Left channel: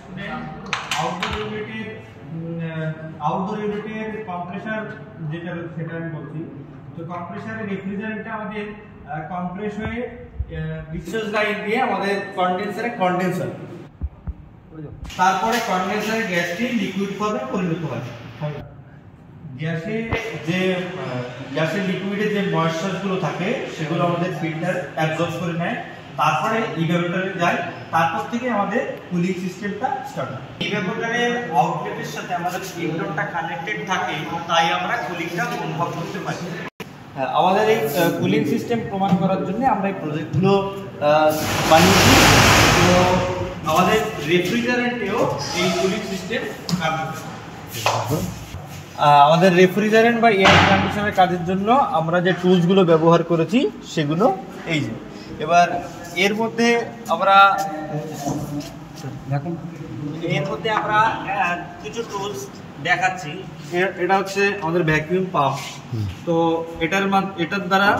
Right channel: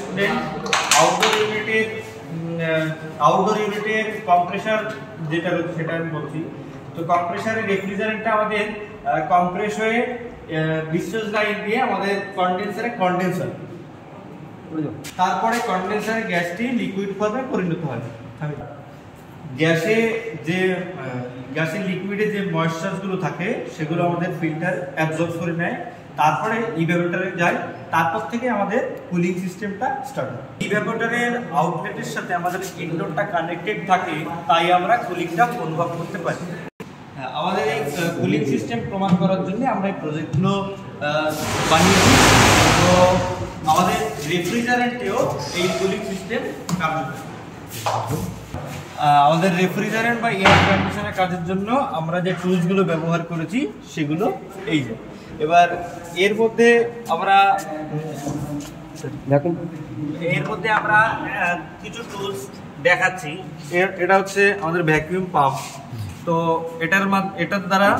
Student outdoor ইউনিটের compressor যেটা রয়েছে সেটা আমি বলছি। তো কম্প্রেসরের রেফ্রিজারেন্টটা আমাদের কম্প্রেস হয়ে ডিসচার্জ লাইন দিয়ে আমাদের কন্ডেন্সার, তারপরে কন্ডেন্সারের গ্যাসটি লিকুইড ফর্মে পরিণত হয়। গ্যাসের লিকুইডে যে ময়েশ্চারগুলো থাকে সেগুলো আমাদের ফিল্টার অ্যাবজর্ব করে নেয়, তারপরে ইভ্যাপোরেটরে যায়, তারপর থেকে আমাদের কুলিং সিস্টেমটা স্টার্ট হয়। ইভ্যাপোরেটরের আউটলেটের সাথে আমাদের ইনডোরটা কানেক্টেড থাকে, তাই আমরা কুলিংটা অনুভব করতে পারি। আমাদের এই কুলিং সিস্টেম প্রমাণ করার জন্য আমরা এই প্রজেক্টগুলো বানিয়েছি। তো আমাদের রেফ্রিজারেন্টেও এই কুলিং সিস্টেম কার্যকর। আমাদের রেফ্রিজারেন্ট বা এয়ার কন্ডিশনের কাজের জন্য আমরা যে টুলসগুলো ব্যবহার করেছি সেগুলো এই যে। এবার এর মধ্যে আমরা কিছু টুলস দেখাচ্ছি। এটা হচ্ছে আমাদের ভ্যাকুয়াম পাম্প। তো এটার দ্বারা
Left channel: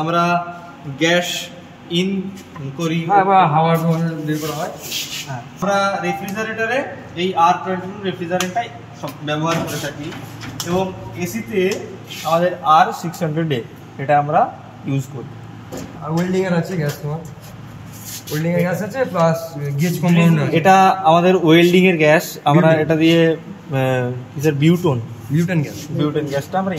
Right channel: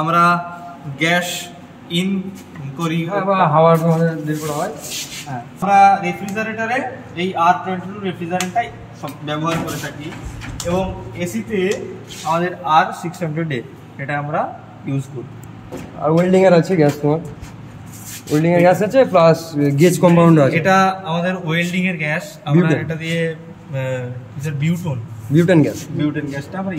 আমরা গ্যাস ইন করি, হাওয়ার বের করা হয়। আমরা রেফ্রিজারেটরে এই R22 রেফ্রিজারেন্টটাই ব্যবহার করে থাকি, এবং এসিতে আমাদের R600A এটা আমরা ইউজ করি। আর ওয়েল্ডিং এর আছে গ্যাস, তোমার ওয়েল্ডিং এর গ্যাস আছে প্লাস গেজ কম্পাউন্ড আছে। এটা আমাদের ওয়েল্ডিং এর গ্যাস, আমরা এটা দিয়ে বিউটেন গ্যাসটা আমরা